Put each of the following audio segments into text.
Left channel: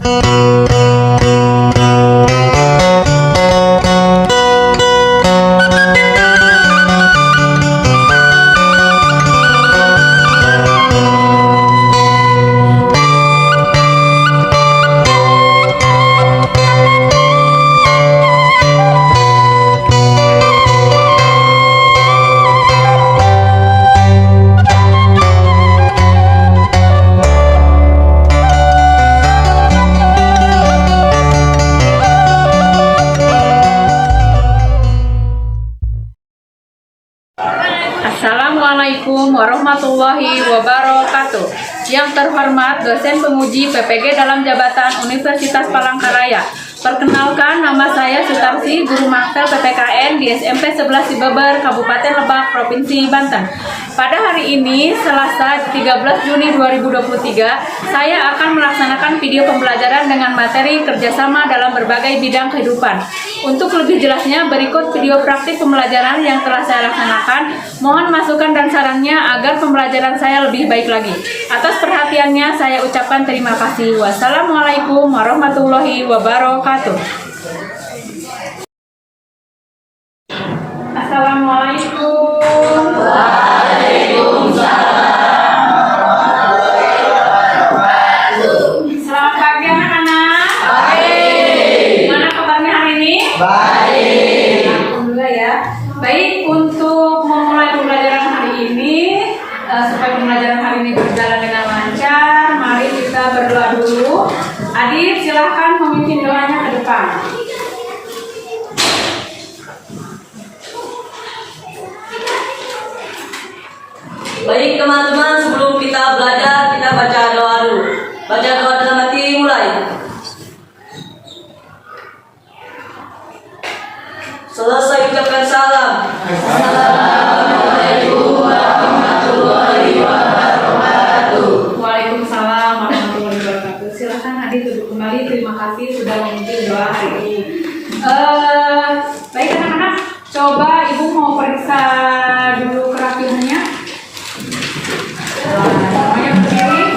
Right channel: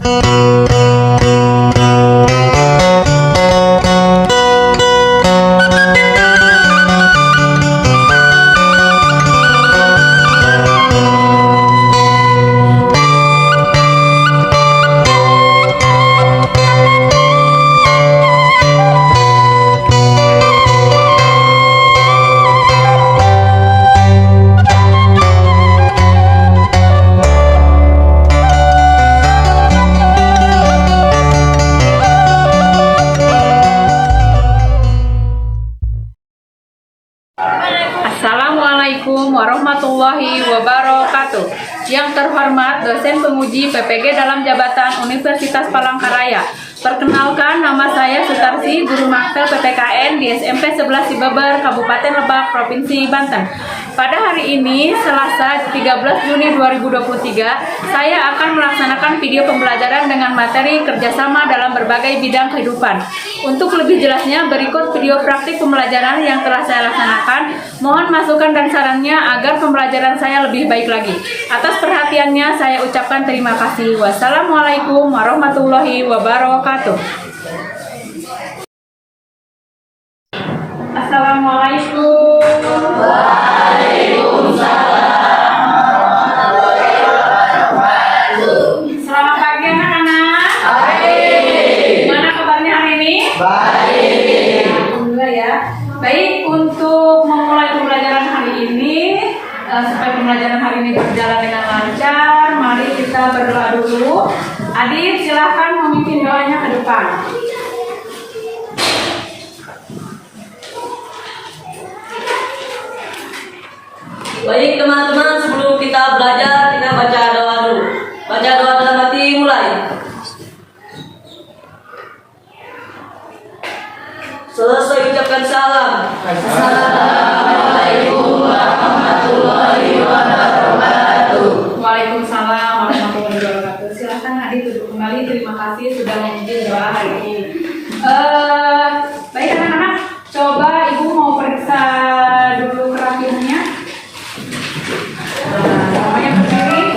Assalamualaikum warahmatullahi wabarakatuh. Yang terhormat dosen penguji PPG dalam jabatan Universitas Palangkaraya. Perkenalkan, nama saya Sutarsi, guru Maktel PTKN di SMP 11 Cibeber, Kabupaten Lebak, Provinsi Banten. Pada hari ini, Selasa 13 Juni 2023, saya akan melaksanakan video pembelajaran dengan materi kerjasama dalam berbagai bidang kehidupan. Untuk lebih jelasnya, berikut video praktik pembelajaran yang telah saya laksanakan. Mohon masukan dan sarannya agar pembelajaran saya lebih baik lagi. Atas perhatiannya, saya ucapkan terima kasih. Wassalamualaikum warahmatullahi wabarakatuh. Assalamualaikum. Selamat pagi anak-anak. Baik. Gimana kabarnya hari ini? Baik. Alhamdulillah ya. Baik, untuk memulai pembelajaran hari ini, supaya pembelajaran hari ini berjalan dengan lancar, mari kita berdoa dulu. Adit, silahkan memimpin doanya ke depan. Baik teman-teman, sebelum kita belajar, kita baca doa dulu. Baca doa dalam hati, mulai. Selesai ucapkan salam. Assalamualaikum warahmatullahi wabarakatuh. Waalaikumsalam warahmatullahi wabarakatuh. Silahkan Adit duduk kembali. Terima kasih sudah memimpin doa hari ini. Baik anak-anak, coba ibu mau periksa dulu kerapiannya. Namanya berdiri.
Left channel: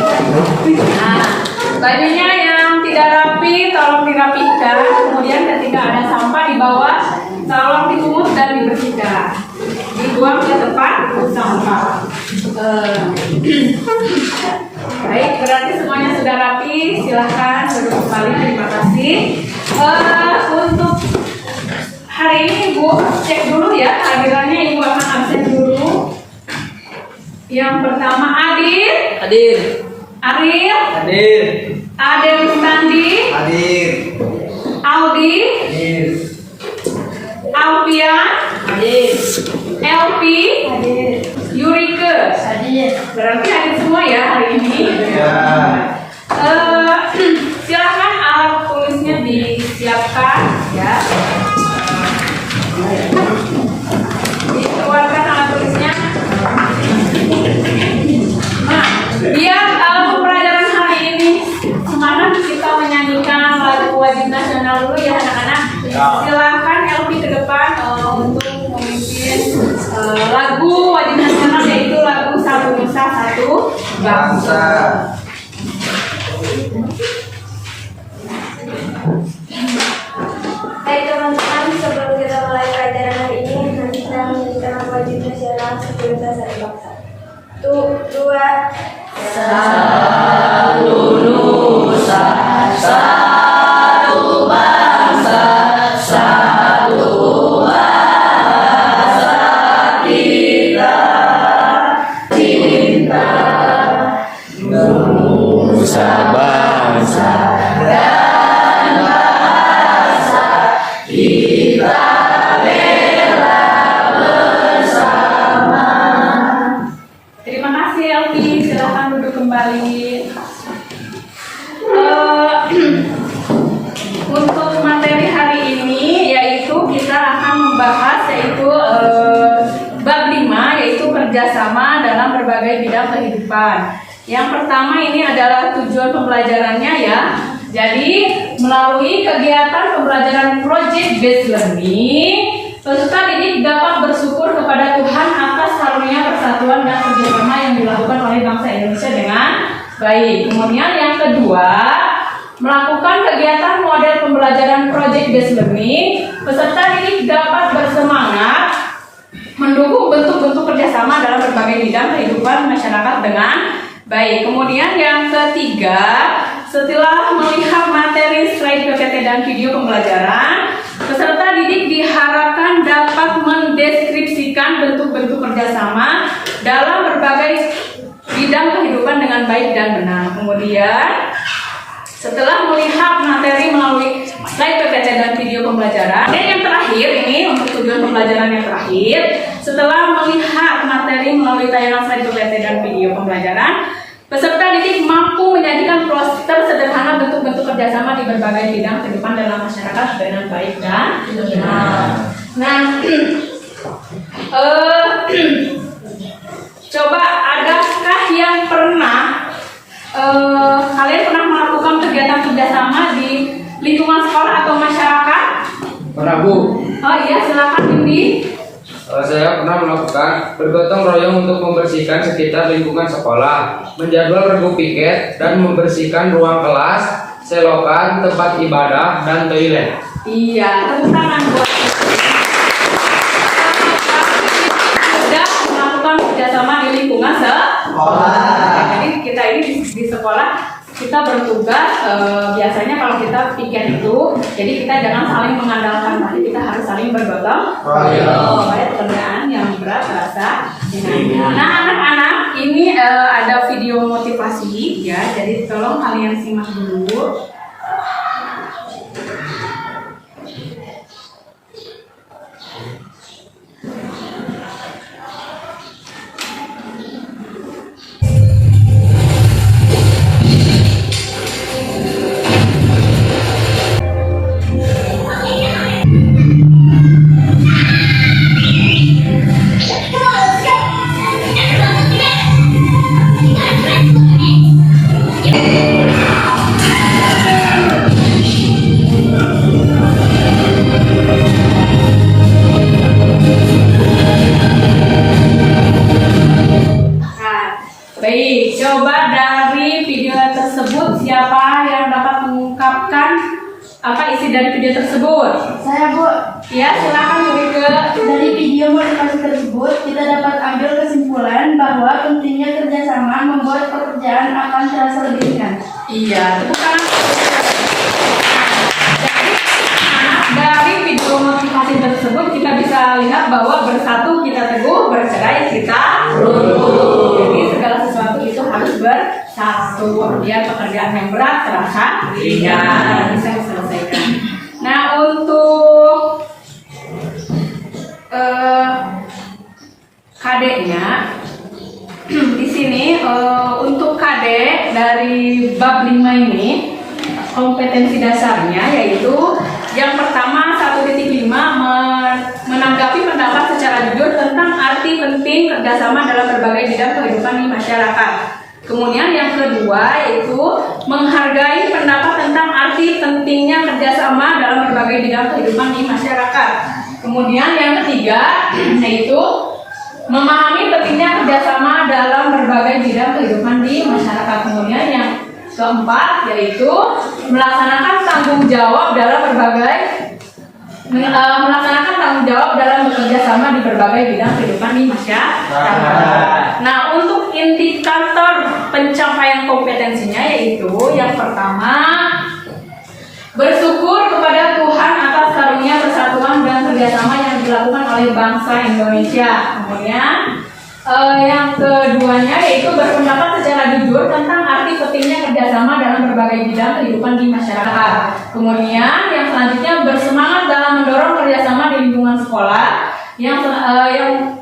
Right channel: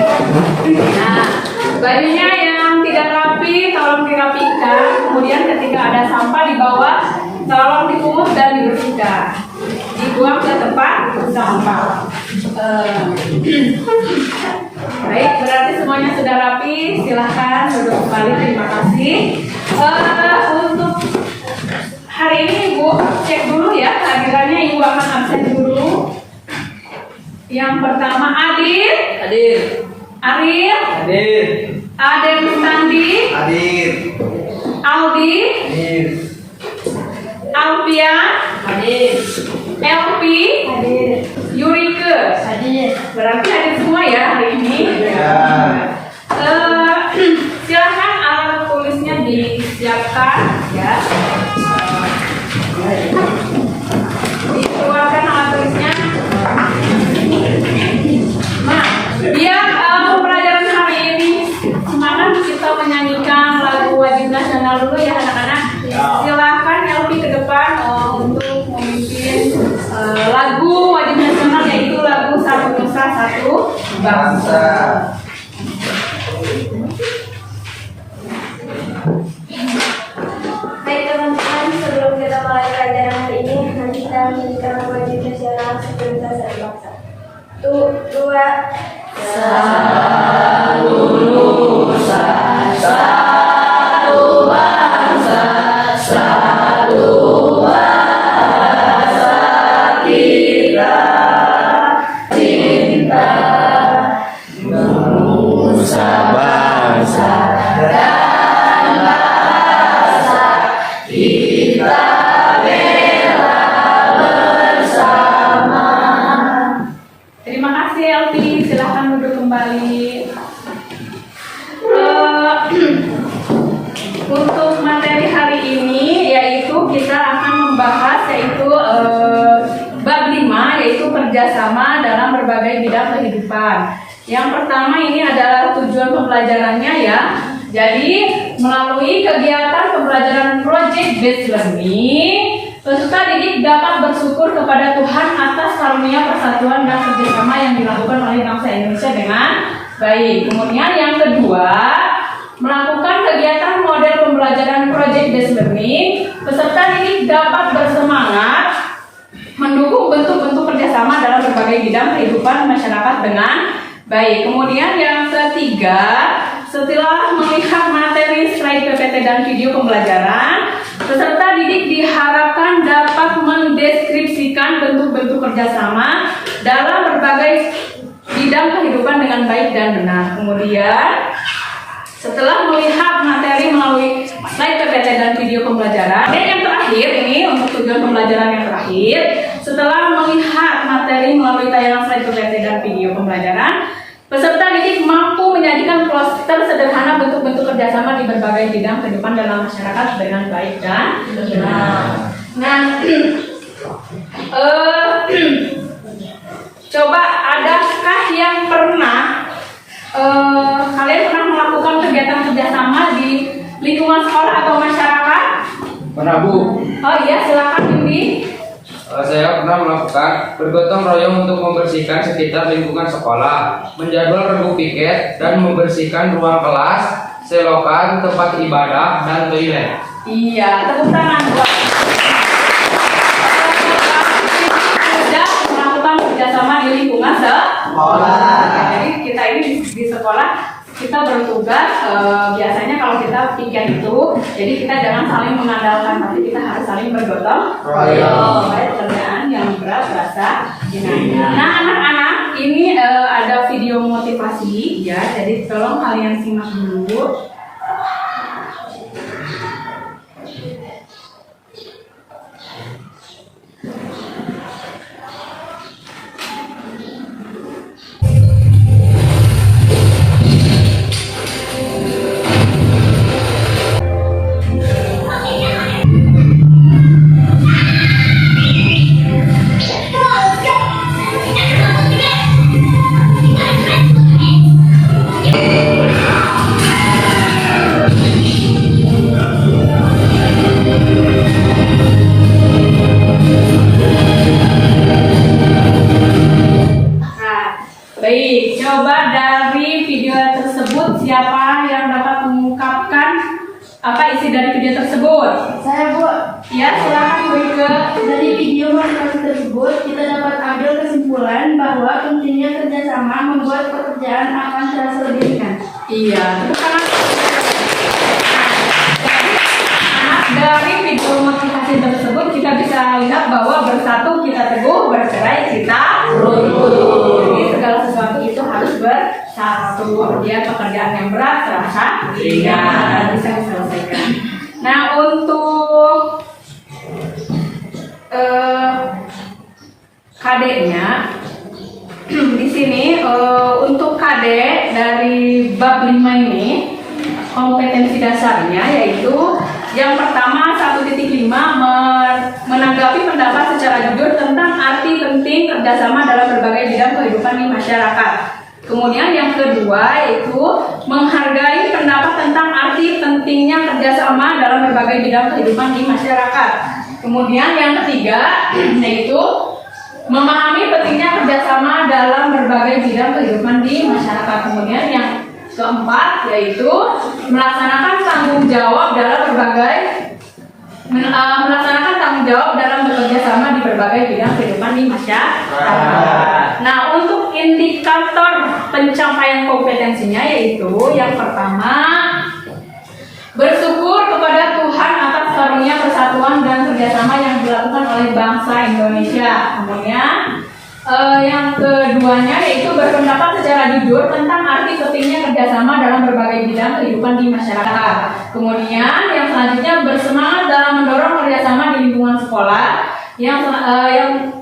Nah, bajunya yang tidak rapi tolong dirapikan. Kemudian ketika ada sampah di bawah, tolong dipungut dan dibersihkan. Dibuang ke tempat sampah. Baik, berarti semuanya sudah rapi. Silahkan duduk kembali. Terima kasih. Untuk hari ini ibu cek dulu ya kehadirannya. Ibu akan absen dulu. Yang pertama Adil. Hadir. Ariel. Hadir. Adel Mustandi. Hadir. Aldi. Hadir. Alfian. Hadir. Elvi. Hadir. Yurike. Hadir. Berarti hadir semua ya hari ini. Ya. Silahkan alat tulisnya disiapkan ya. Dikeluarkan alat tulisnya. Nah, biar pembelajaran hari ini semangat, kita menyanyikan lagu wajib nasional dulu ya anak-anak. Silahkan Elvi ke depan untuk memimpin lagu wajib nasional, yaitu lagu Satu Nusa Satu Bangsa. Baik teman-teman, sebelum kita mulai pelajaran hari ini, nanti kita menyanyikan wajib nasional Satu Nusa Satu Bangsa. Dua. Satu Nusa, satu bangsa, satu bahasa kita cinta. Nusa bangsa Dan bahasa kita bela bersama. Terima kasih Elvi, silahkan duduk kembali. Untuk materi hari ini yaitu kita akan membahas yaitu bab 5, yaitu kerjasama dalam berbagai bidang kehidupan. Yang pertama ini adalah tujuan pembelajarannya ya. Jadi melalui kegiatan pembelajaran project based learning, peserta didik dapat bersyukur kepada Tuhan atas karunia persatuan dan kerjasama yang dilakukan oleh bangsa Indonesia dengan baik. Kemudian yang kedua, melakukan kegiatan model pembelajaran project based learning, peserta didik dapat bersemangat mendukung bentuk-bentuk kerjasama dalam berbagai bidang kehidupan masyarakat dengan baik. Kemudian yang ketiga, setelah melihat materi slide PPT dan video pembelajaran, peserta didik diharapkan dapat mendeskripsikan bentuk-bentuk kerjasama dalam berbagai bidang kehidupan dengan baik dan benar. Kemudian, setelah melihat materi melalui slide PPT dan video pembelajaran, dan yang terakhir ini untuk tujuan pembelajaran yang terakhir, setelah melihat materi melalui tayangan slide PPT dan video pembelajaran, peserta didik mampu menyajikan poster sederhana bentuk-bentuk kerjasama di berbagai bidang kehidupan dalam masyarakat dengan baik dan benar. Nah, coba adakah yang pernah kalian pernah melakukan kegiatan kerjasama di lingkungan sekolah atau masyarakat? Pernah, Bu. Oh iya, silakan Indi. Saya pernah melakukan bergotong royong untuk membersihkan sekitar lingkungan sekolah, menjadwal regu piket, dan membersihkan ruang kelas, selokan, tempat ibadah, dan toilet. Iya, tepuk tangan buat sudah melakukan kerjasama di lingkungan sekolah. Jadi kita ini di sekolah kita bertugas biasanya kalau kita piket itu, jadi kita jangan saling mengandalkan, tapi kita harus saling bergotong royong supaya pekerjaan yang berat terasa ringan. Nah anak-anak, ini ada video motivasi ya, jadi tolong kalian simak dulu. Baik, coba dari video tersebut siapa yang dapat mengungkapkan apa isi dari video tersebut? Saya, Bu. Ya, silakan Rike. Dari video motivasi tersebut, kita dapat ambil kesimpulan bahwa pentingnya kerjasama membuat pekerjaan akan terasa lebih ringan. Iya, tepuk tangan. Dari video motivasi tersebut kita bisa lihat bahwa bersatu kita teguh, bercerai kita runtuh. Jadi segala sesuatu itu harus bersatu biar pekerjaan yang berat terasa ringan, bisa diselesaikan. Nah untuk KD-nya di sini untuk KD dari bab 5 ini kompetensi dasarnya yaitu yang pertama 1.5 menanggapi pendapat secara jujur tentang arti penting kerjasama dalam berbagai bidang kehidupan di masyarakat. Kemudian yang kedua yaitu menghargai pendapat tentang arti pentingnya kerjasama dalam berbagai bidang kehidupan di masyarakat. Kemudian yang ketiga yaitu memahami pentingnya kerjasama dalam berbagai bidang kehidupan di masyarakat. Kemudian yang keempat yaitu melaksanakan tanggung jawab dalam bekerja sama di berbagai bidang kehidupan di masyarakat. Nah, untuk indikator pencapaian kompetensinya yaitu yang pertama bersyukur kepada Tuhan atas karunia persatuan dan kerjasama yang dilakukan oleh bangsa Indonesia. Kemudian yang keduanya yaitu berpendapat secara jujur tentang arti pentingnya kerjasama dalam berbagai bidang kehidupan di masyarakat. Kemudian yang selanjutnya bersemangat dalam mendorong kerjasama di lingkungan sekolah. Yang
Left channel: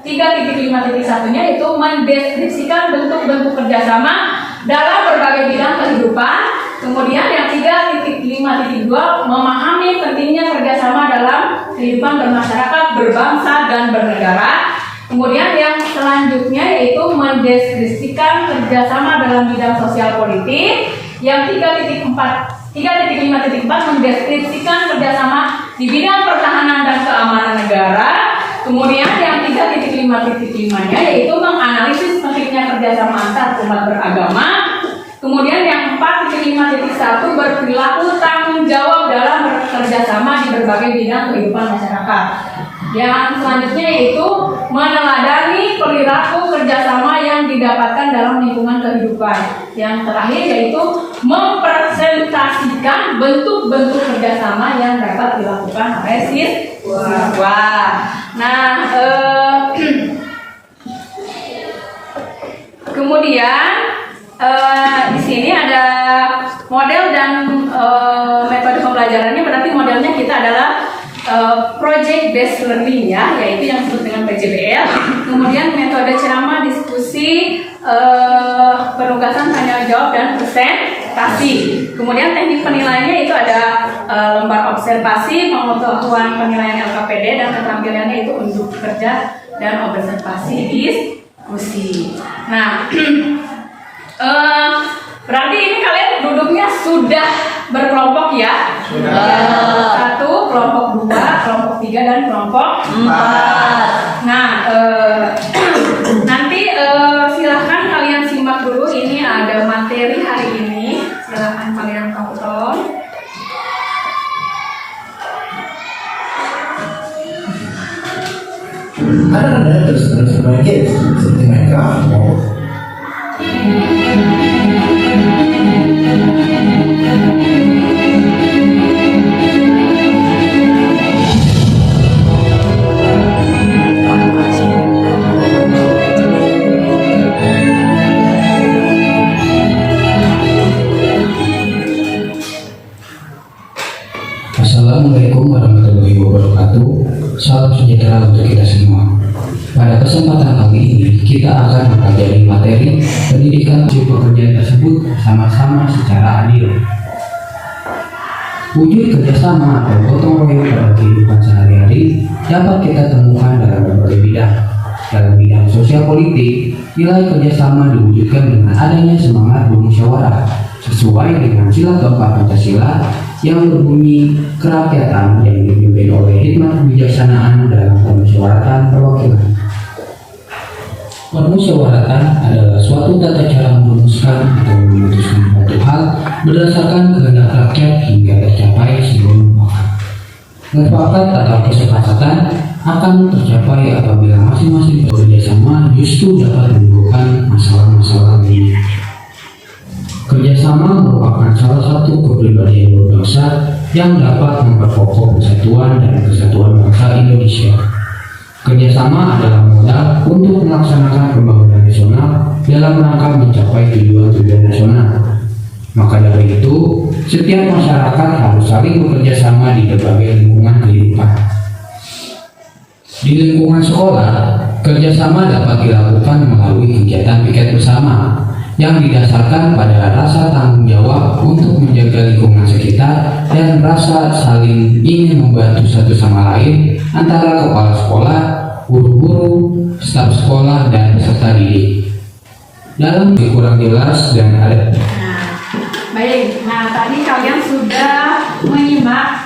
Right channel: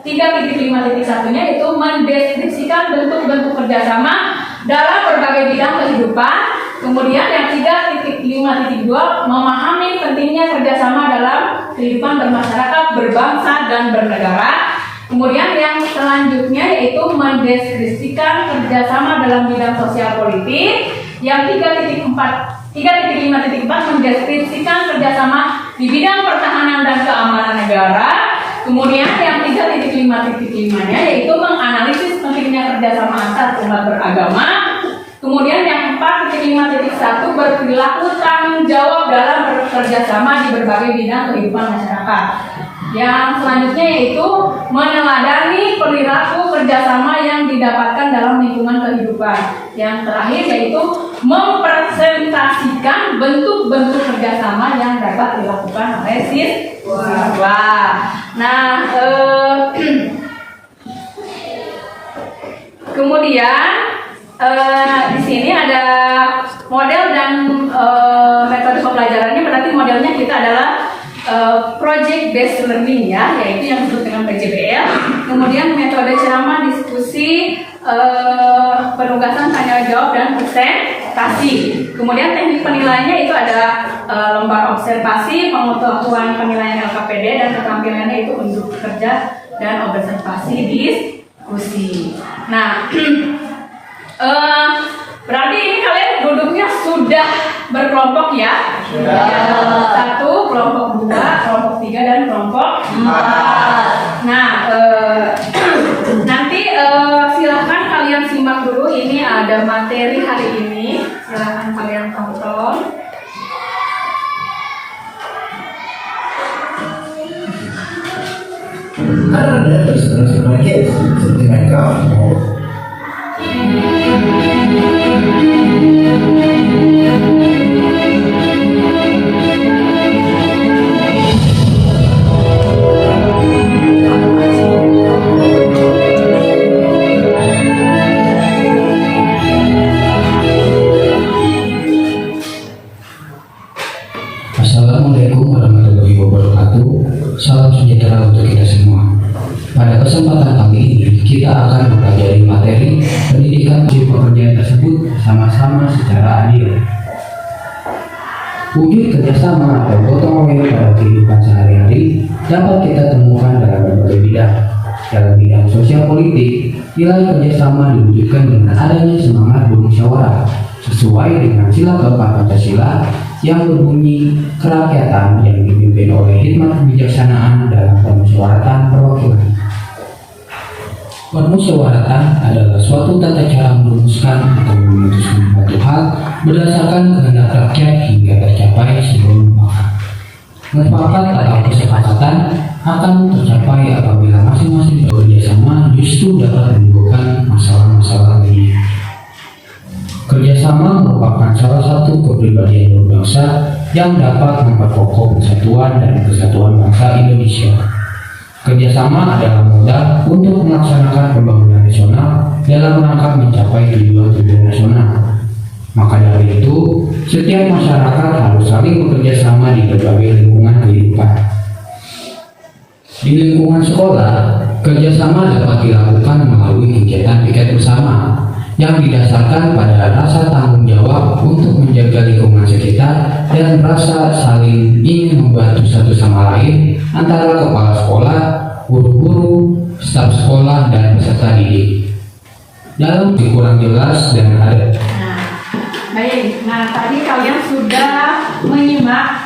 3.5.1-nya yaitu mendeskripsikan bentuk-bentuk kerjasama dalam berbagai bidang kehidupan. Kemudian yang 3.5.2 memahami pentingnya kerjasama dalam kehidupan bermasyarakat, berbangsa dan bernegara. Kemudian yang selanjutnya yaitu mendeskripsikan kerjasama dalam bidang sosial politik. Yang 3.5.4 mendeskripsikan kerjasama di bidang pertahanan dan keamanan negara. Kemudian yang 3.5.5-nya yaitu menganalisis pentingnya kerjasama antar umat beragama. Kemudian yang 4.5.1 berperilaku tanggung jawab dalam bekerja sama di berbagai bidang kehidupan masyarakat. Yang selanjutnya yaitu meneladani perilaku kerjasama yang didapatkan dalam lingkungan kehidupan. Yang terakhir yaitu mempresentasikan bentuk-bentuk kerjasama yang dapat dilakukan oleh siswa. Nah, kemudian di sini ada model dan metode pembelajarannya. Berarti modelnya kita adalah project based learning ya, yaitu yang disebut dengan PJBL. Kemudian metode ceramah, diskusi, penugasan, tanya jawab, dan presentasi. Kemudian teknik penilaiannya itu ada lembar observasi, pengetahuan penilaian LKPD, dan keterampilannya itu untuk kerja dan observasi diskusi. Nah, berarti ini kalian duduknya sudah berkelompok ya? Sudah. 1, kelompok 2, kelompok 3, dan kelompok 4. Nah, nanti silahkan kalian simak dulu. Ini ada materi hari ini. Silahkan kalian tonton. Ada terus sebagai seperti mereka mau Assalamualaikum warahmatullahi wabarakatuh. Salam sejahtera untuk kita semua. Pada kesempatan kali ini kita akan mempelajari materi pendidikan hasil pekerjaan tersebut sama-sama secara adil. Wujud kerjasama atau gotong royong pada kehidupan sehari-hari dapat kita temukan dalam berbagai bidang. Dalam bidang sosial politik, nilai kerjasama diwujudkan dengan adanya semangat bermusyawarah sesuai dengan sila keempat Pancasila yang berbunyi kerakyatan yang dipimpin oleh hikmat kebijaksanaan dalam permusyawaratan perwakilan. Permusyawaratan adalah suatu tata cara merumuskan atau memutuskan suatu hal berdasarkan kehendak rakyat hingga tercapai sebuah mufakat. Mufakat atau kesepakatan akan tercapai apabila masing-masing bekerjasama justru dapat menimbulkan masalah-masalah lainnya. Kerjasama merupakan salah satu kepribadian berbangsa yang dapat memperkokoh persatuan dan kesatuan bangsa Indonesia. Kerjasama adalah modal untuk melaksanakan pembangunan nasional dalam rangka mencapai tujuan-tujuan nasional. Maka dari itu, setiap masyarakat harus saling bekerja sama di berbagai lingkungan kehidupan. Di lingkungan sekolah, kerjasama dapat dilakukan melalui kegiatan piket bersama yang didasarkan pada rasa tanggung jawab untuk menjaga lingkungan sekitar dan rasa saling ingin membantu satu sama lain antara kepala sekolah, guru-guru, staf sekolah, dan peserta didik. Dalam kurang jelas dan ada. Baik, nah tadi kalian sudah menyimak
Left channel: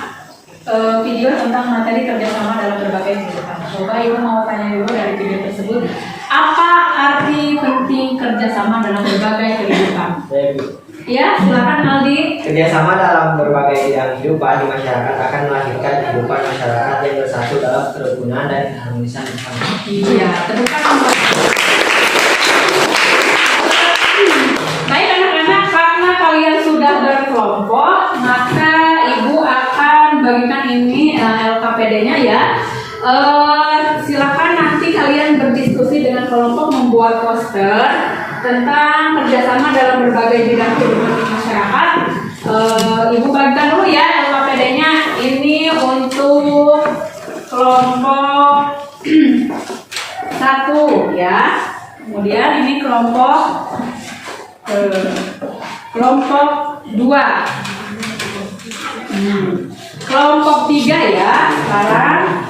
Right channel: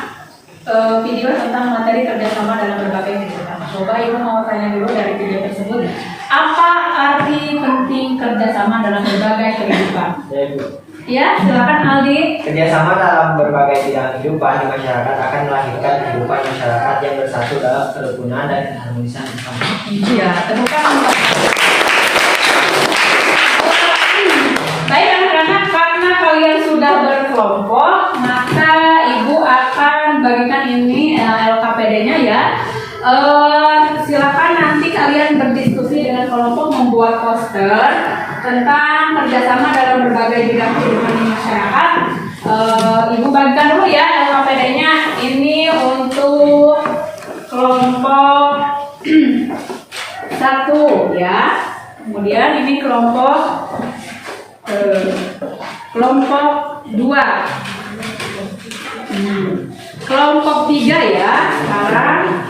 video tentang materi kerjasama dalam berbagai kehidupan. Coba Ibu mau tanya dulu dari video tersebut, apa arti penting kerjasama dalam berbagai kehidupan? Ya, silakan Aldi. Kerjasama dalam berbagai bidang kehidupan di masyarakat akan melahirkan kehidupan masyarakat yang bersatu dalam kerukunan dan keharmonisan bersama. Iya, temukan. Baik anak-anak, karena kalian sudah berkelompok, maka Ibu akan bagikan ini LKPD-nya ya. Silakan nanti kalian berdiskusi dengan kelompok, membuat poster tentang kerjasama dalam berbagai bidang kehidupan di masyarakat. Ibu bagikan dulu ya LKPD-nya. Ini untuk kelompok 1 ya. Kemudian ini kelompok 2. Kelompok 3 ya sekarang.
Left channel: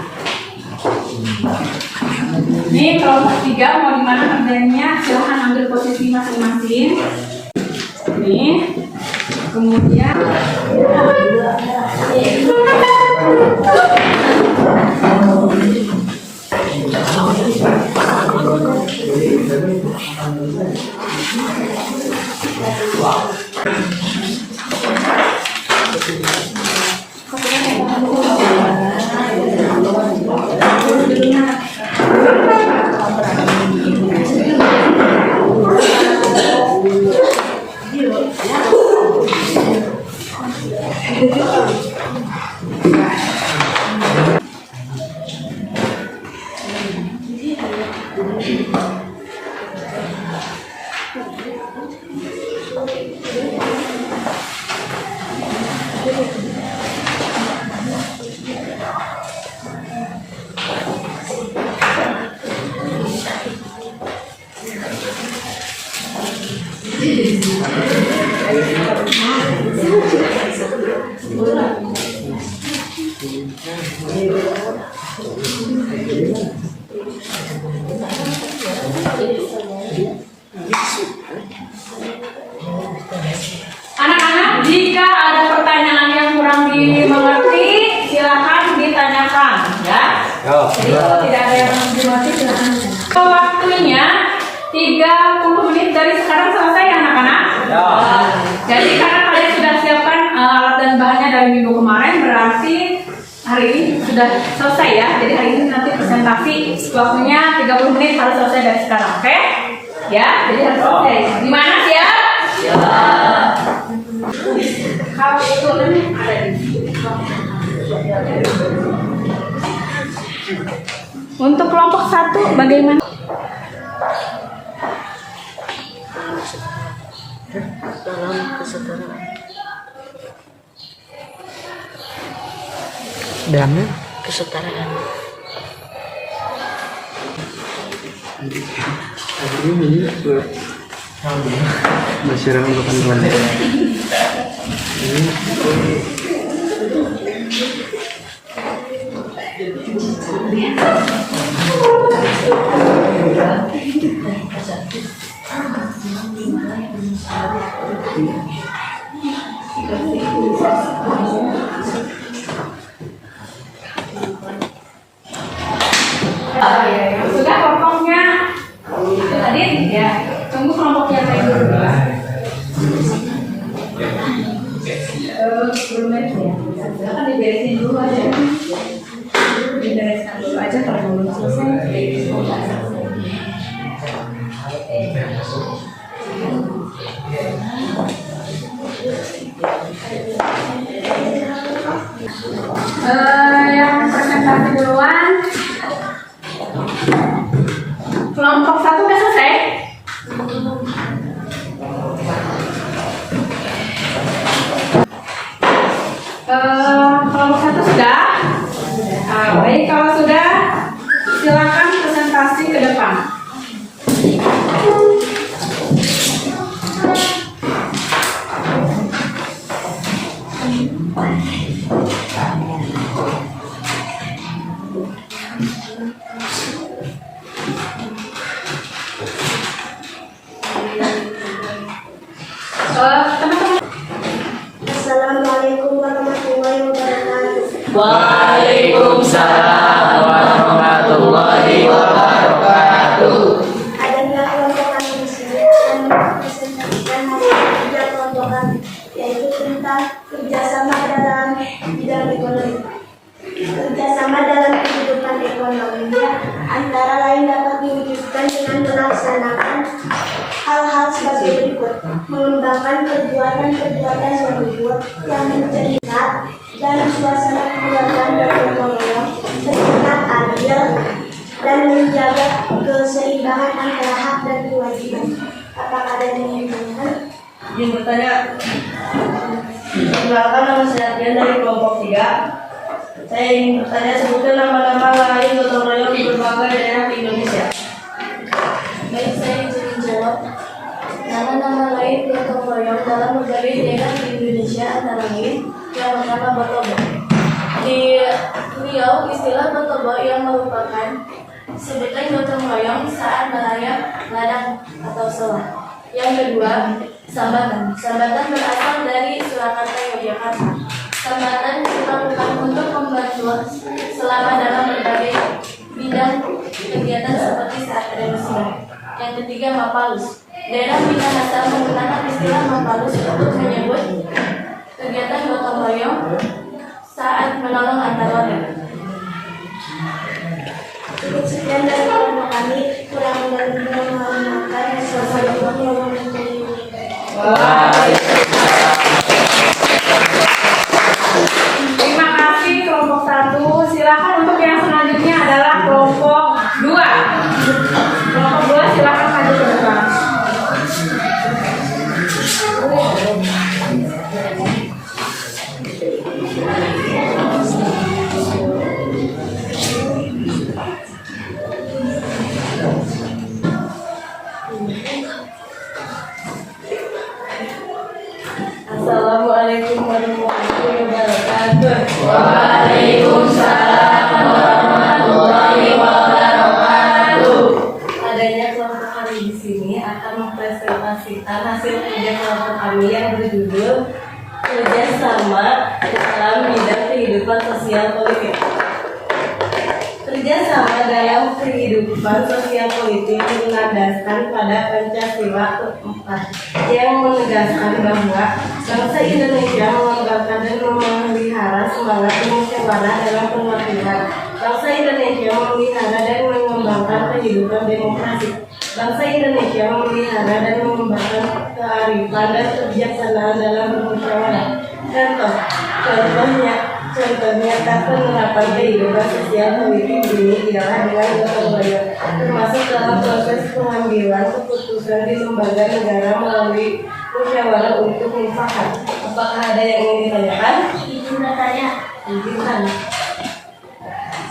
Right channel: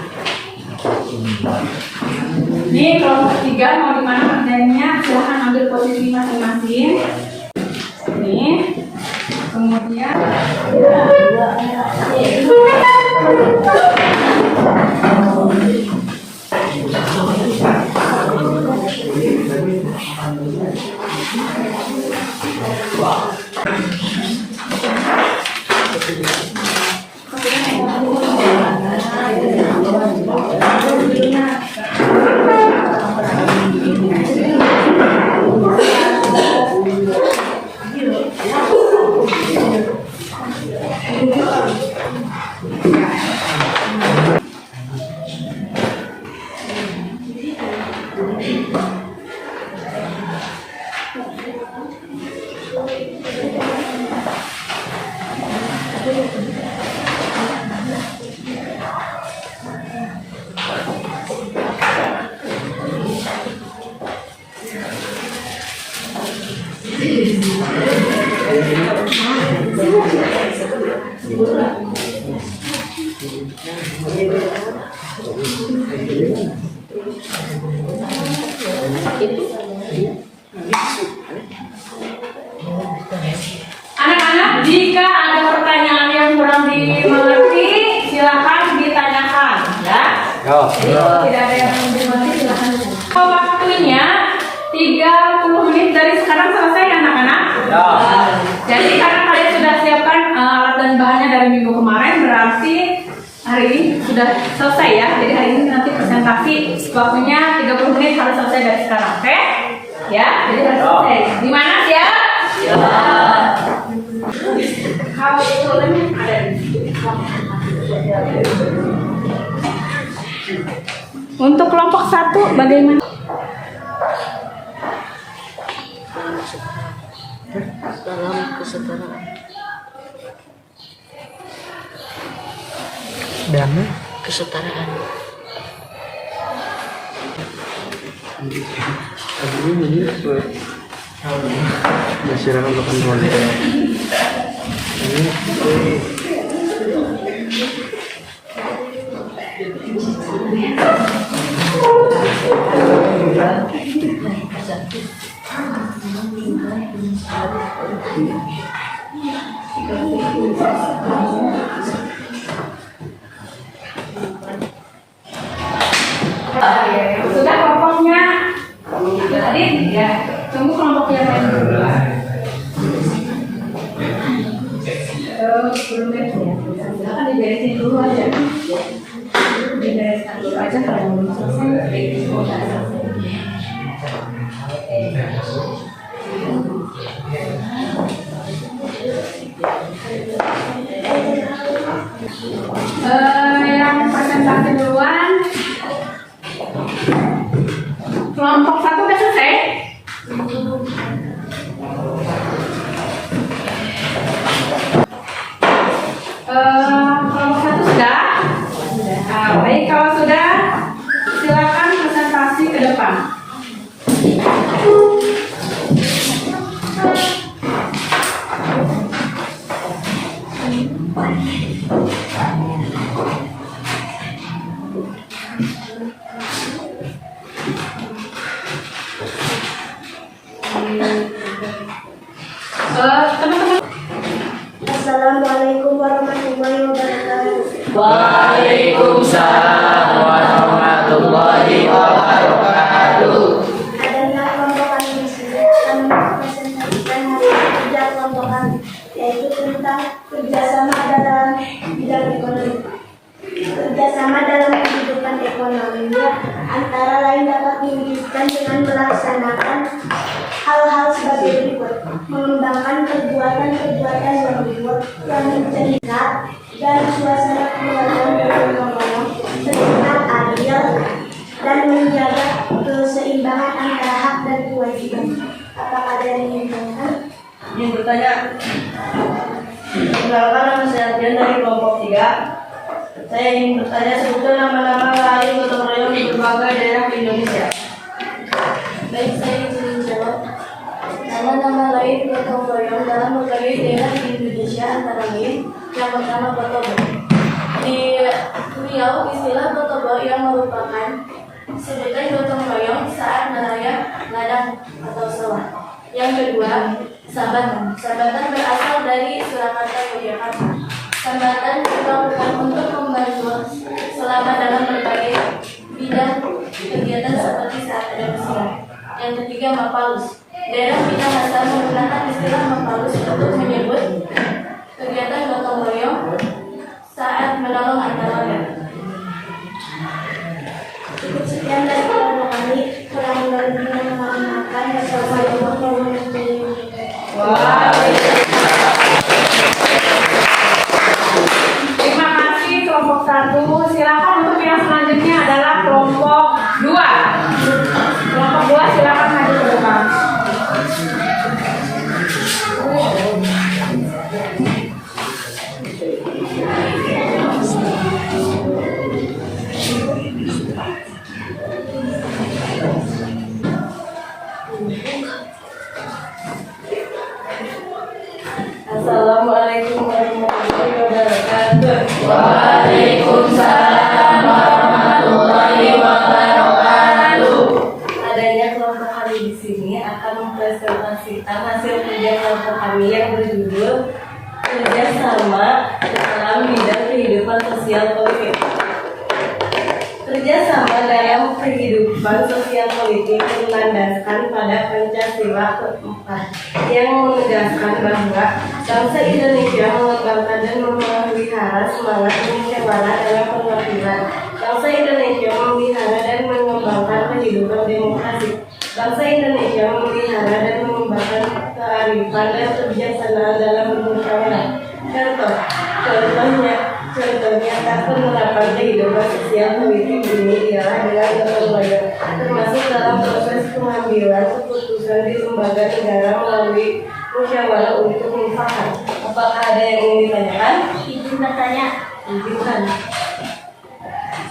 Ini kelompok 3 mau dimana kerjanya, silahkan ambil posisi masing-masing. Ini kemudian Anak-anak, jika ada pertanyaan yang kurang dimengerti, silakan ditanyakan, ya. Jadi kalau tidak ada yang belum dimengerti, silakan. Waktunya 30 menit dari sekarang selesai, anak-anak. Jadi karena kalian sudah siapkan alat dan bahannya dari minggu kemarin, berarti hari ini sudah selesai ya. Jadi hari ini nanti presentasi waktunya 30 menit harus selesai dari sekarang, oke? Ya, jadi harus selesai. Di mana sih ya? Kalau itu ada di untuk kelompok 1 bagaimana? Dalam kesetaraan. Damai. Kesetaraan. Masyarakat berkenan. Sudah kelompoknya hadir ya. Tunggu kelompok yang lain dulu. Belum ya. Silakan diberesin dulu aja. Dibereskan dulu aja kalau belum selesai. Yang presentasi duluan. Kelompok 1 udah selesai. Kelompok 1 sudah. Baik, kalau sudah silakan presentasi ke depan. Teman-teman. Assalamualaikum warahmatullahi wabarakatuh. Waalaikumsalam warahmatullahi wabarakatuh. Adanya kelompokan di sini akan mempresentasikan hasil kerja kelompokan, yaitu tentang kerjasama dalam bidang ekonomi. Kerjasama dalam kehidupan ekonominya antara lain dapat diwujudkan dengan melaksanakan hal-hal sebagai berikut: mengembangkan perbuatan-perbuatan yang mencegah dan suasana keluarga bergotong royong bersifat adil dan menjaga keseimbangan antara hak dan kewajiban. Apakah ada yang ingin bertanya? Yang bertanya, perkenalkan nama saya Ardian dari kelompok 3. Saya ingin bertanya, sebutkan nama-nama lain gotong royong di berbagai daerah di Indonesia. Baik, saya izin menjawab. Nama-nama lain gotong royong dalam berbagai daerah di Indonesia antara lain yang pertama Botobo. Di Riau, istilah Botobo yang merupakan sebutan gotong royong saat merayap ladang atau sawah. Yang kedua, Sambatan. Sambatan berasal dari Surakarta, Yogyakarta. Sambatan dilakukan untuk membantu selama dalam berbagai bidang kegiatan seperti saat ada musibah. Yang ketiga, Mapalus. Daerah kita dasar menggunakan istilah mapalus untuk menyebut kegiatan gotong royong saat menolong antar warga. Cukup sekian dari kelompok kami, kurang lebihnya mohon maaf. Wassalamualaikum warahmatullahi wabarakatuh. Terima kasih kelompok 1. Silakan untuk yang selanjutnya adalah kelompok 2. Kelompok 2 silakan maju ke depan. Assalamualaikum warahmatullahi wabarakatuh. Waalaikumsalam warahmatullahi wabarakatuh. Adanya kelompok kami di sini akan mempresentasikan hasil kerja kelompok kami yang berjudul Kerjasama dalam Bidang Kehidupan Sosial Politik. Kerjasama dalam kehidupan sosial politik berlandaskan pada Pancasila keempat yang menegaskan bahwa bangsa Indonesia mengembangkan dan memelihara semangat musyawarah dalam perwakilan. Bangsa Indonesia memelihara dan mengembangkan kehidupan demokrasi. Bangsa Indonesia memelihara dan mengembangkan kearifan dan kebijaksanaan dalam bermusyawarah. Contohnya tak penerapan kehidupan sosial politik ini ialah dengan gotong royong, termasuk dalam proses pengambilan keputusan di lembaga negara melalui musyawarah untuk mufakat. Apakah ada yang ingin ditanyakan? Izin bertanya. Izin.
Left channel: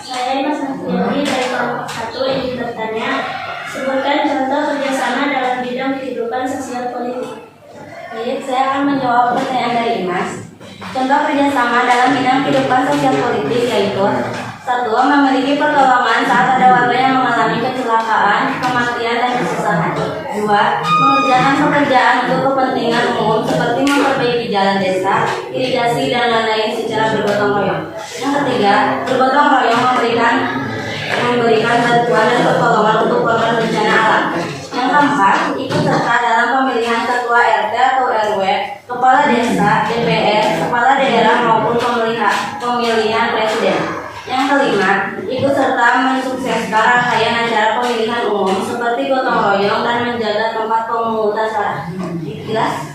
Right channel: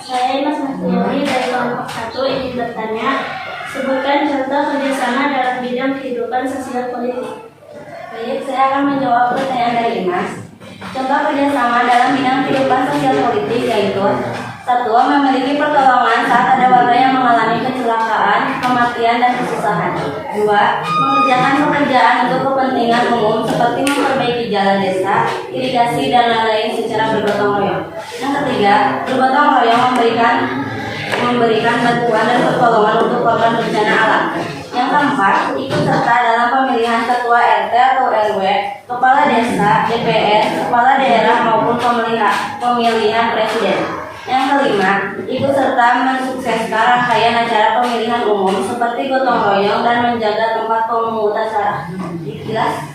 Saya Mas Nafiyuri dari kelompok 1 ingin bertanya. Sebutkan contoh kerjasama dalam bidang kehidupan sosial politik. Baik, saya akan menjawab pertanyaan dari Mas. Contoh kerjasama dalam bidang kehidupan sosial politik yaitu 1. Memiliki pertolongan saat ada warga yang mengalami kecelakaan, kematian, dan kesusahan. 2. Mengerjakan pekerjaan untuk kepentingan umum seperti memperbaiki jalan desa, irigasi, dan lain-lain secara bergotong royong. Yang ketiga, bergotong royong memberikan bantuan dan pertolongan untuk korban bencana alam. Yang keempat, ikut serta dalam pemilihan ketua RT atau RW, kepala desa, DPR, kepala daerah maupun pemilihan presiden. Yang kelima, ikut serta mensukseskan rangkaian acara pemilihan umum seperti gotong royong dan menjaga tempat pemungutan suara. Jelas?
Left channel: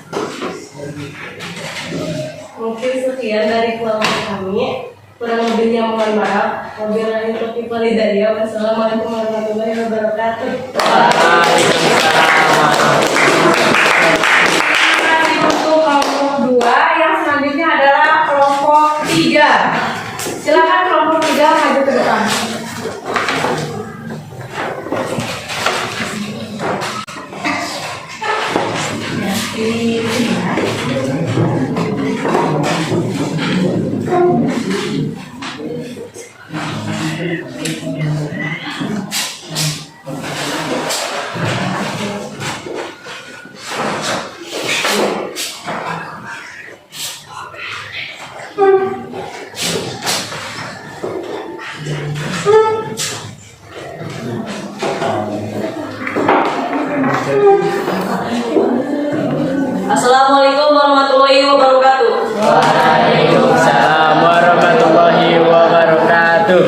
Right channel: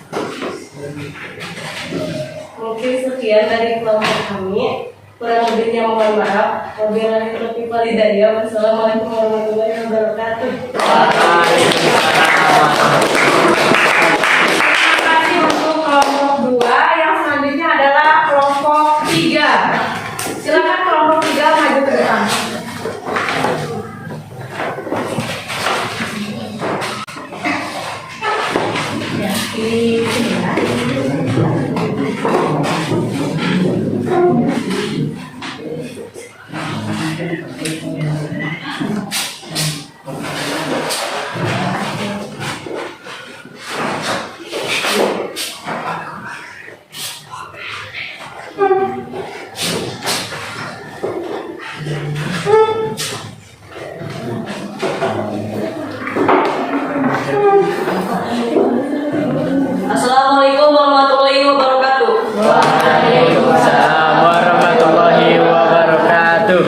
Mungkin sekian dari kelompok kami. Kurang lebihnya mohon maaf. Wabillahi taufiq wal hidayah. Wassalamualaikum warahmatullahi wabarakatuh. Terima kasih untuk kelompok 2. Yang selanjutnya adalah kelompok 3. Silakan kelompok 3 maju ke depan. Assalamualaikum warahmatullahi wabarakatuh. Waalaikumsalam warahmatullahi wabarakatuh.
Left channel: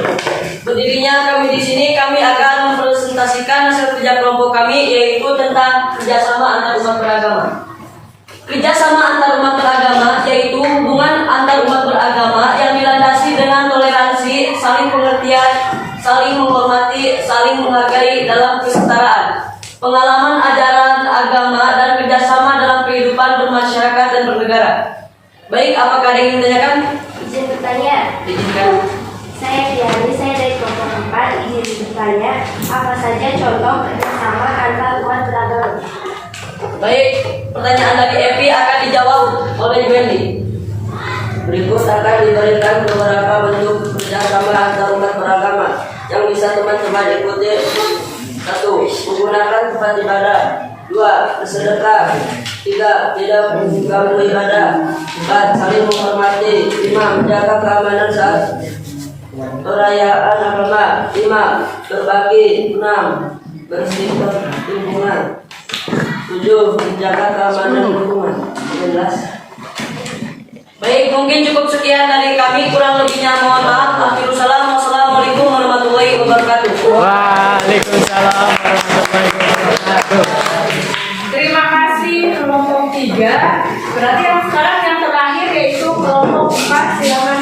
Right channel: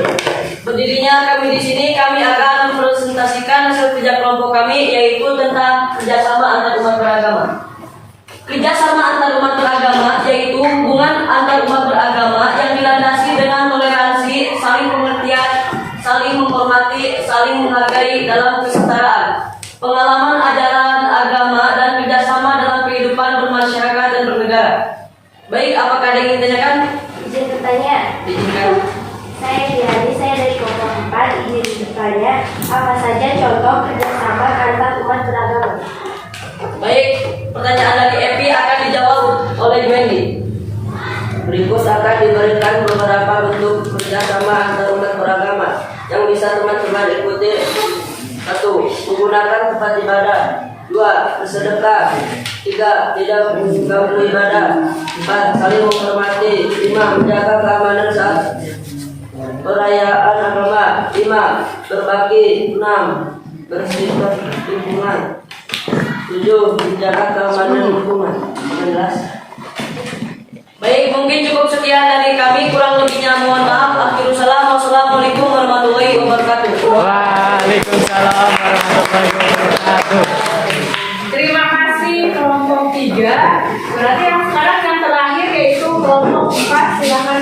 Berdirinya kami di sini, kami akan mempresentasikan hasil kerja kelompok kami, yaitu tentang kerjasama antar umat beragama. Kerjasama antar umat beragama yaitu hubungan antar umat beragama yang dilandasi dengan toleransi, saling pengertian, saling menghormati, saling menghargai dalam kesetaraan, pengalaman ajaran agama, dan kerjasama dalam kehidupan bermasyarakat dan bernegara. Baik, apakah ada yang ingin ditanyakan? Izin bertanya. Diizinkan. Saya Diani, saya dari kelompok 4 ingin bertanya, apa saja contoh kerjasama antar umat beragama? Baik, pertanyaan dari Evi akan dijawab oleh Wendy. Berikut akan diberikan beberapa bentuk kerjasama antar umat beragama yang bisa teman-teman ikuti. 1. Menggunakan tempat ibadah. 2. Bersedekah. 3. Tidak mengganggu ibadah. 4. Saling menghormati. 5. Menjaga keamanan saat perayaan agama. 5. Berbagi. 6. Bersih lingkungan. 7. Menjaga keamanan lingkungan. Jelas. Baik, mungkin cukup sekian dari kami. Kurang lebihnya mohon maaf. Akhirul salam. Wassalamualaikum warahmatullahi wabarakatuh. Waalaikumsalam warahmatullahi wabarakatuh. Terima kasih kelompok 3. Berarti yang sekarang yang terakhir yaitu kelompok 4. Silakan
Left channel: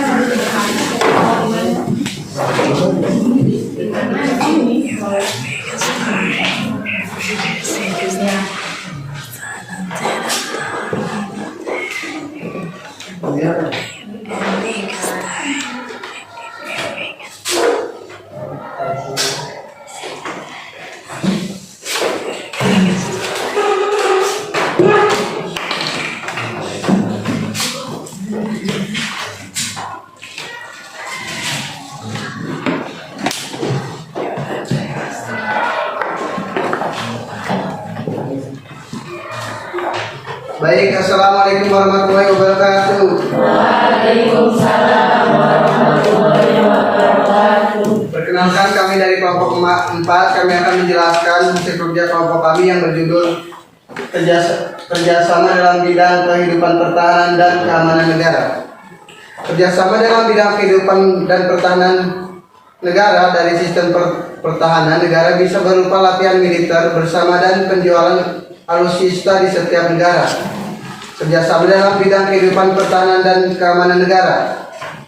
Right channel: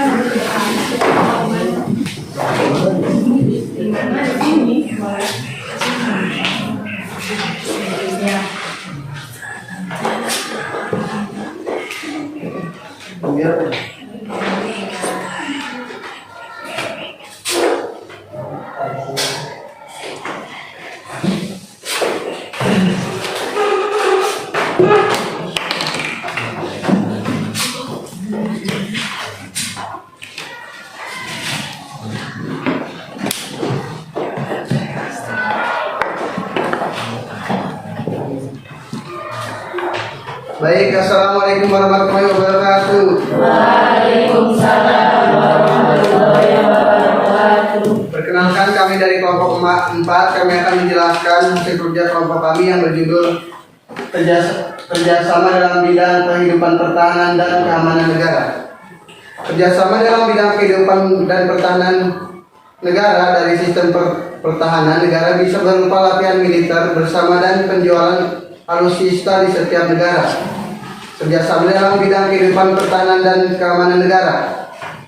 Baik, assalamualaikum warahmatullahi wabarakatuh. Waalaikumsalam warahmatullahi wabarakatuh. Perkenalkan, kami dari kelompok 4. Kami akan menjelaskan hasil kerja kelompok kami yang berjudul Kerjasama dalam bidang kehidupan pertahanan dan keamanan negara. Kerjasama dalam bidang kehidupan dan pertahanan negara dari sistem pertahanan negara bisa berupa latihan militer bersama dan penjualan alutsista di setiap negara. Kerjasama dalam bidang kehidupan pertahanan dan keamanan negara.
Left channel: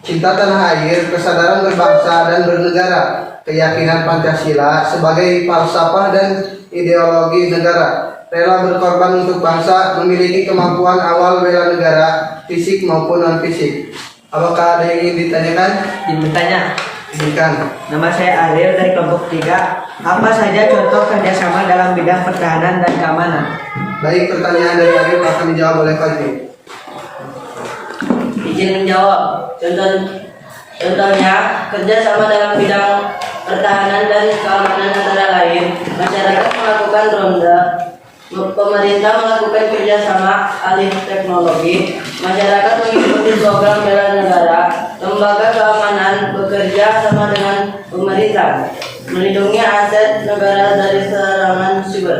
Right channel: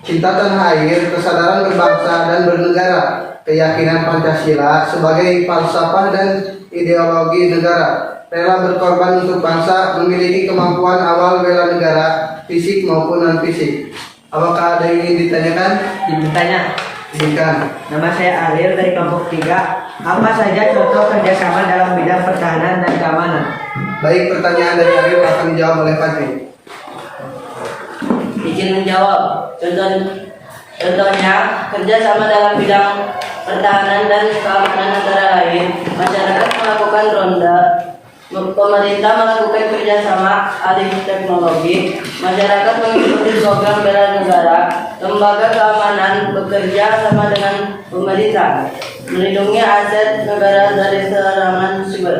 Cinta tanah air, kesadaran berbangsa dan bernegara, keyakinan Pancasila sebagai falsafah dan ideologi negara, rela berkorban untuk bangsa, memiliki kemampuan awal bela negara, fisik maupun non-fisik. Apakah ada yang ingin ditanyakan? Bertanya. Silakan. Nama saya Ariel dari kelompok 3. Apa saja contoh kerjasama dalam bidang pertahanan dan keamanan? Baik, pertanyaan dari Ariel akan dijawab oleh Fadli. Izin menjawab. Contohnya, kerjasama dalam bidang pertahanan dan keamanan antara lain, masyarakat melakukan ronda, pemerintah melakukan kerjasama alih teknologi, masyarakat mengikuti program bela negara, lembaga keamanan bekerja sama dengan pemerintah, melindungi aset negara dari serangan siber.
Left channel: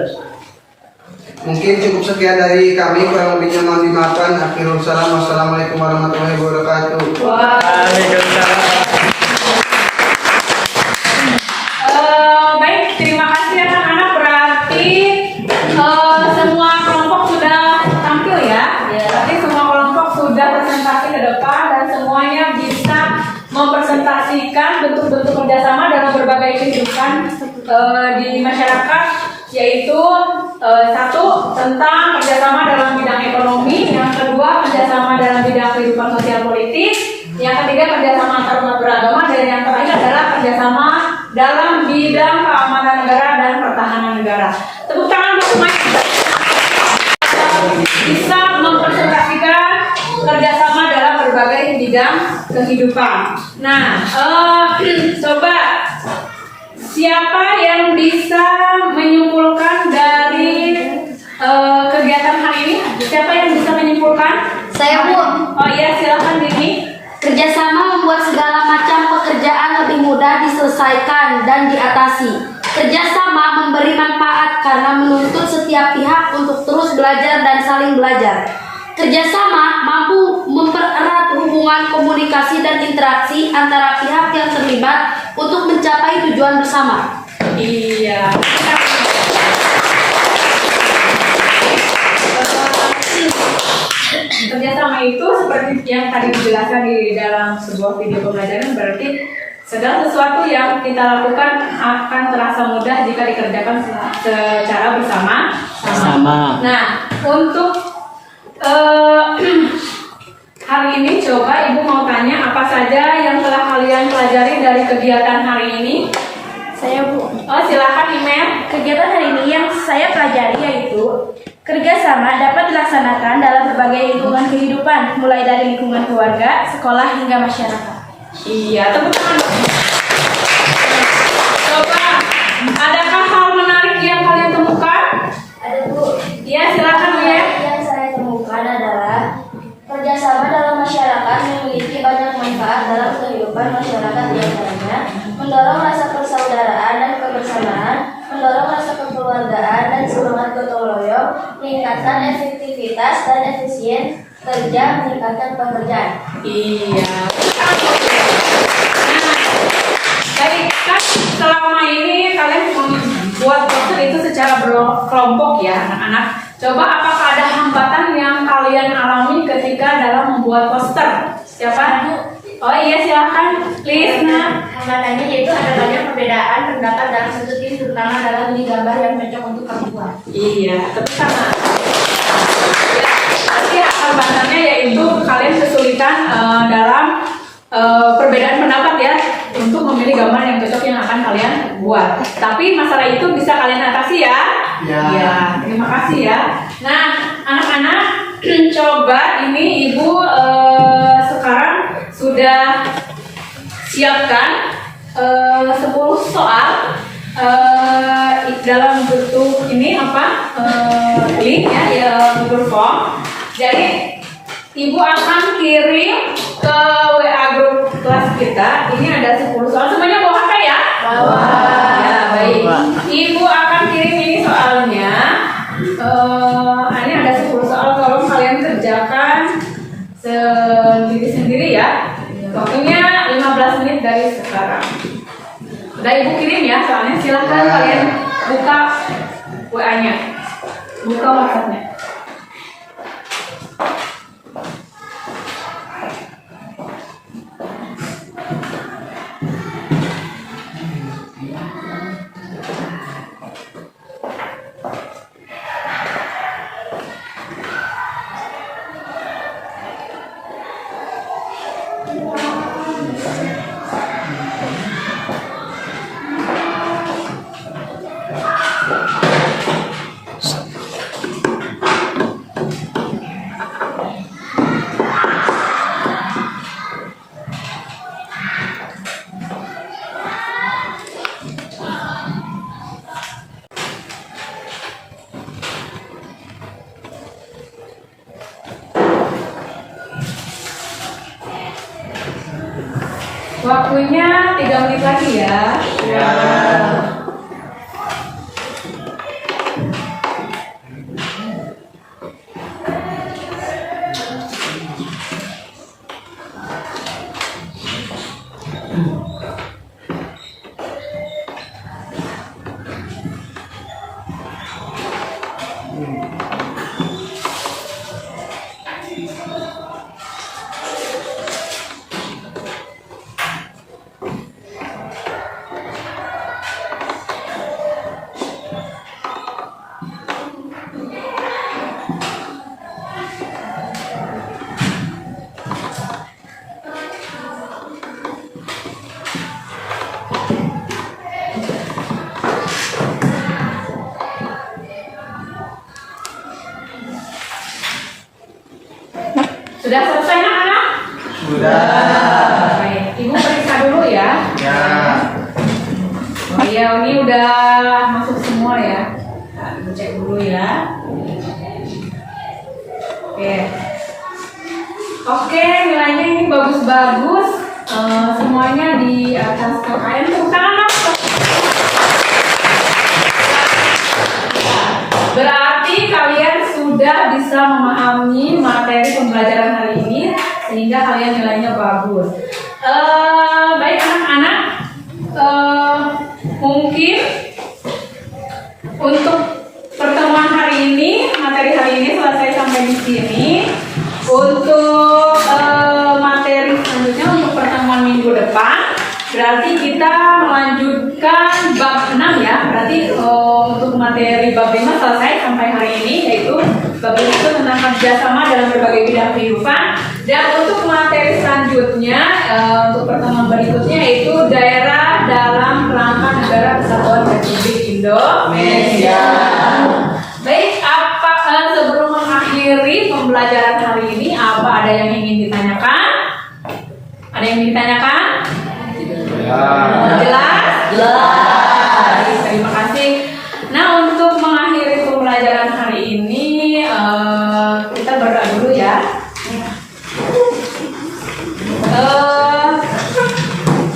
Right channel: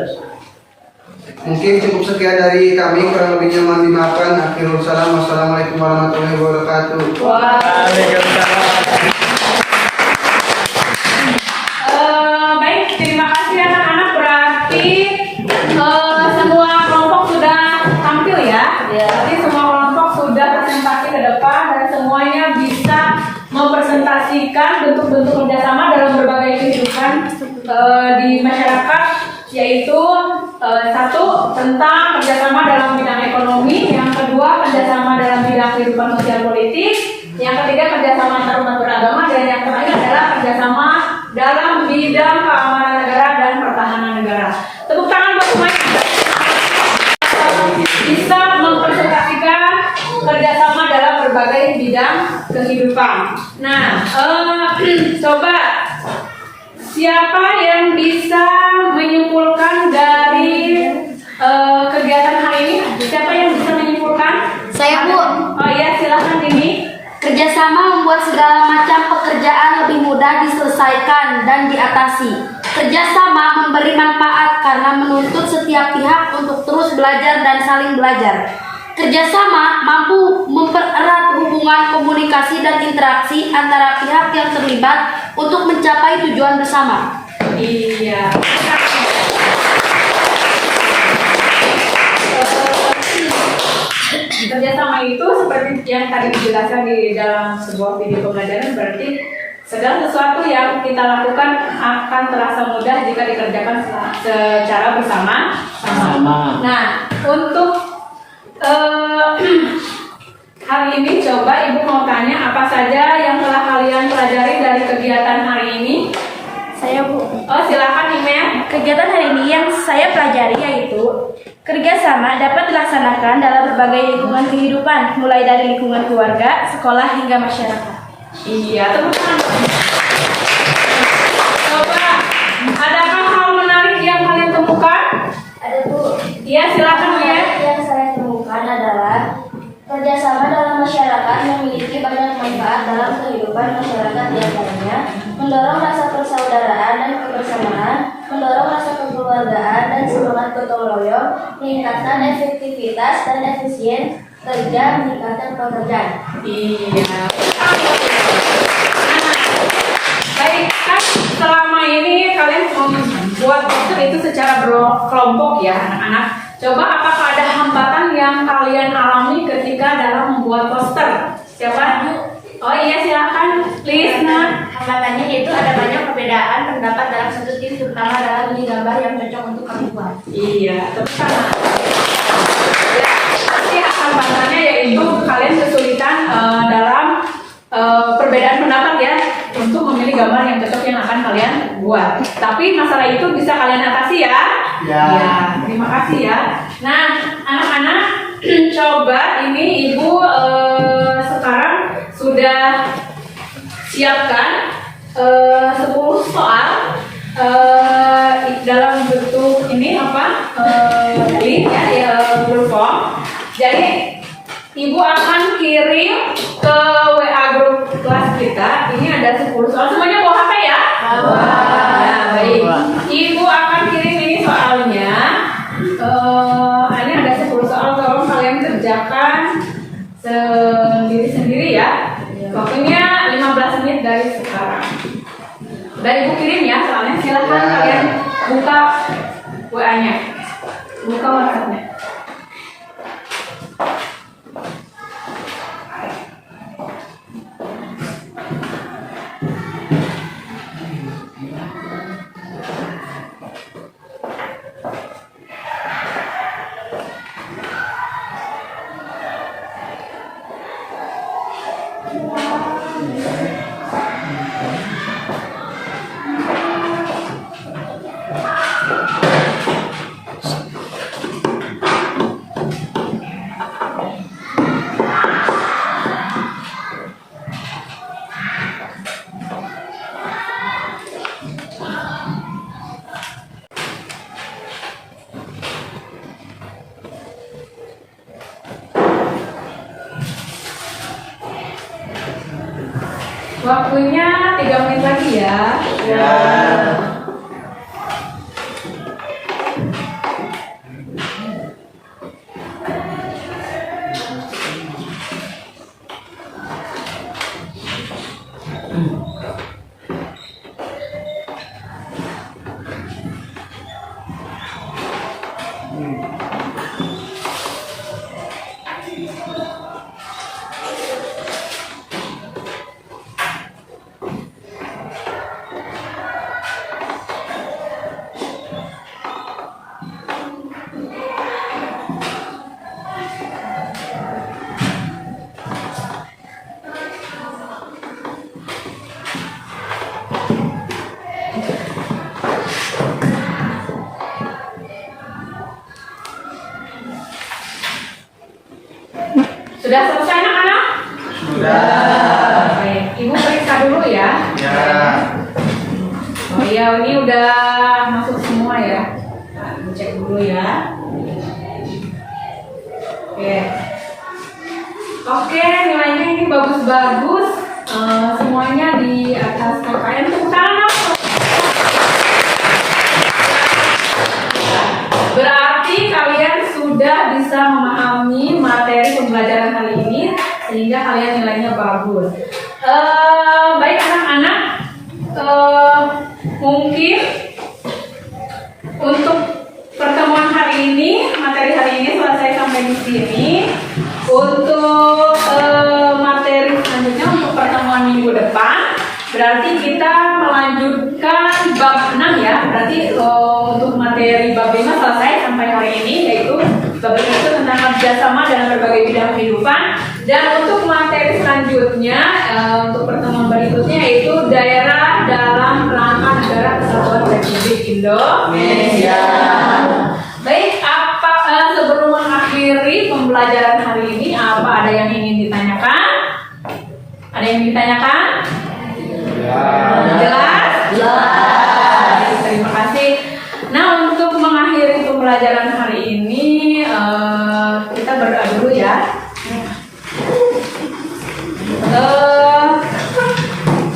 Mungkin cukup sekian dari kami, kurang lebihnya mohon dimaafkan. Akhirul salam. Wassalamualaikum warahmatullahi wabarakatuh. Waalaikumsalam. Baik, terima kasih anak-anak. Berarti semua kelompok sudah tampil ya. Berarti semua kelompok sudah presentasi ke depan dan semuanya bisa mempresentasikan bentuk-bentuk kerjasama dalam berbagai kehidupan di masyarakat, yaitu satu tentang kerjasama dalam bidang ekonomi, yang kedua kerjasama dalam bidang kehidupan sosial politik, yang ketiga kerjasama antar umat beragama, dan yang terakhir adalah kerjasama dalam bidang keamanan negara dan pertahanan negara. Tepuk tangan buat semuanya bisa mempresentasikan kerjasama dalam berbagai bidang kehidupan. Nah, coba siapa yang bisa menyimpulkan dari kegiatan hari ini? Siapa yang bisa menyimpulkan? Saya, Bu. Oh iya, silakan Dini. Kerjasama membuat segala macam pekerjaan lebih mudah diselesaikan dan diatasi. Kerjasama memberi manfaat karena menuntut setiap pihak untuk terus belajar dan saling belajar. Kerjasama mampu mempererat hubungan komunikasi dan interaksi antara pihak yang terlibat untuk mencapai tujuan bersama. Iya. Kerjasama itu seperti yang tadi dijelaskan di dalam sebuah video pembelajaran, berarti segala sesuatu yang kita lakukan akan terasa mudah jika dikerjakan secara bersama. Nah, untuk hari ini coba Ibu mau tanya apa saja yang telah kalian pelajari dari kegiatan hari ini. Saya, Bu. Oh, silakan email. Kegiatan hari ini yang saya pelajari yaitu kerjasama dapat dilaksanakan dalam berbagai lingkungan kehidupan, mulai dari lingkungan keluarga, sekolah, hingga masyarakat. Iya, teman-teman. Coba, adakah hal menarik yang kalian temukan? Ada, Bu. Iya, silakan ya. Yang saya temukan adalah kerjasama dalam masyarakat memiliki banyak manfaat dalam kehidupan masyarakat, diantaranya mendorong rasa persaudaraan dan kebersamaan, mendorong rasa kekeluargaan dan semangat gotong royong, meningkatkan efektivitas dan efisien kerja, meningkatkan pekerjaan. Iya. Baik, kan selama ini kalian membuat poster itu secara berkelompok ya anak-anak. Coba apakah ada hambatan yang kalian alami ketika dalam membuat poster? Siapa? Oh iya silakan, Lisna. Hambatannya itu ada banyak perbedaan pendapat dalam satu tim, terutama dalam memilih gambar yang cocok untuk kamu buat. Iya, terutama. Ya, hambatannya yaitu kalian kesulitan dalam perbedaan pendapat ya untuk memilih gambar yang cocok yang akan kalian buat. Tapi masalah itu bisa kalian atasi ya. Ya, terima kasih ya. Nah, anak-anak coba ini Ibu sekarang sudah siapkan 10 soal dalam bentuk ini apa link ya Google Form. Jadi Ibu akan kirim ke WA grup kelas kita. Ini ada 10 soal. Semuanya bawa HP ya? Bawa. Ya, baik. Ibu akan kirim ini soalnya. Ini ada 10 soal. Tolong kalian kerjakan sendiri-sendiri ya. Waktunya 15 menit dari sekarang. Udah Ibu kirim ya soalnya. Silahkan kalian buka WA-nya. Buka WhatsApp-nya. Waktunya 3 menit lagi ya. Sudah selesai anak-anak? Sudah. Baik, Ibu periksa dulu ya. Ya. Oh iya, ini udah masuk semua ya. Nah, Ibu cek dulu ya. Oke, nilainya ini bagus-bagus. Semuanya di atas KKN. Tepuk tangan dong. Berarti kalian sudah bisa memahami materi pembelajaran hari ini sehingga kalian nilainya bagus. Baik anak-anak, mungkin untuk pertemuan hari ini, materi hari ini selesai sampai di sini. Untuk materi selanjutnya untuk pertemuan minggu depan, berarti kita melanjutkan bab 6 ya. Berarti untuk materi bab 5 selesai sampai hari ini, yaitu bab 5 itu tentang kerjasama dalam berbagai bidang kehidupan. Dan untuk materi selanjutnya, untuk pertemuan berikutnya yaitu daerah dalam kerangka negara kesatuan Republik Indonesia. Baik, sebelum mengakhiri pembelajaran hari ini, apa ada yang ingin ditanyakan? Ada yang ingin ditanyakan? Jelas? Jelas. Terima kasih. Nah, untuk mengakhiri pembelajaran hari ini, kita berdoa dulu ya.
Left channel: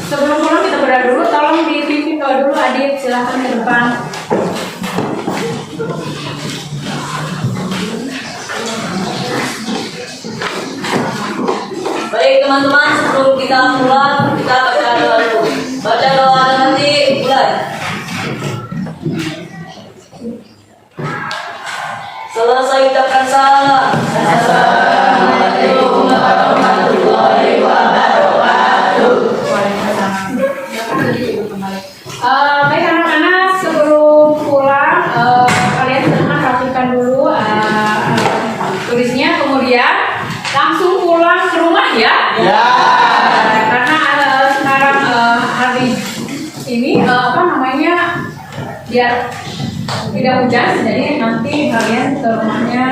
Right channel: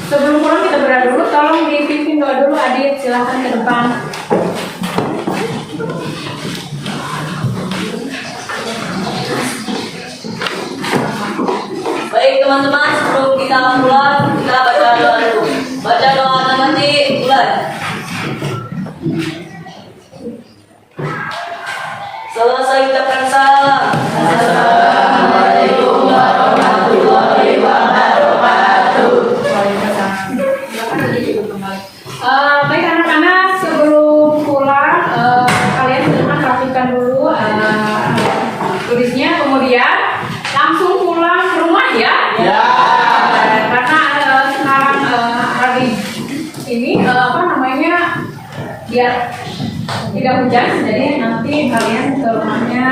Sebelum pulang kita berdoa dulu. Tolong dipimpin doa dulu, Adit. Silahkan ke depan. teman-teman, sebelum kita pulang, kita baca doa dulu. Baca doa nanti mulai. Selesai ucapkan salam. Assalamualaikum warahmatullahi wabarakatuh. Baik anak-anak, sebelum pulang kalian silahkan rapikan dulu tulisnya, kemudian langsung pulang ke rumah ya. Karena sekarang hari ini biar tidak hujan, jadi nanti kalian ke rumahnya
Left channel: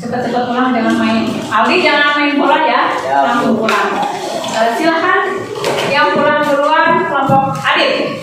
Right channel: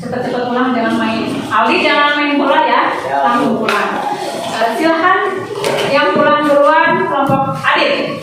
cepat-cepat pulang, jangan main. Aldi jangan main bola ya, langsung pulang. Silahkan yang pulang duluan kelompok Adit.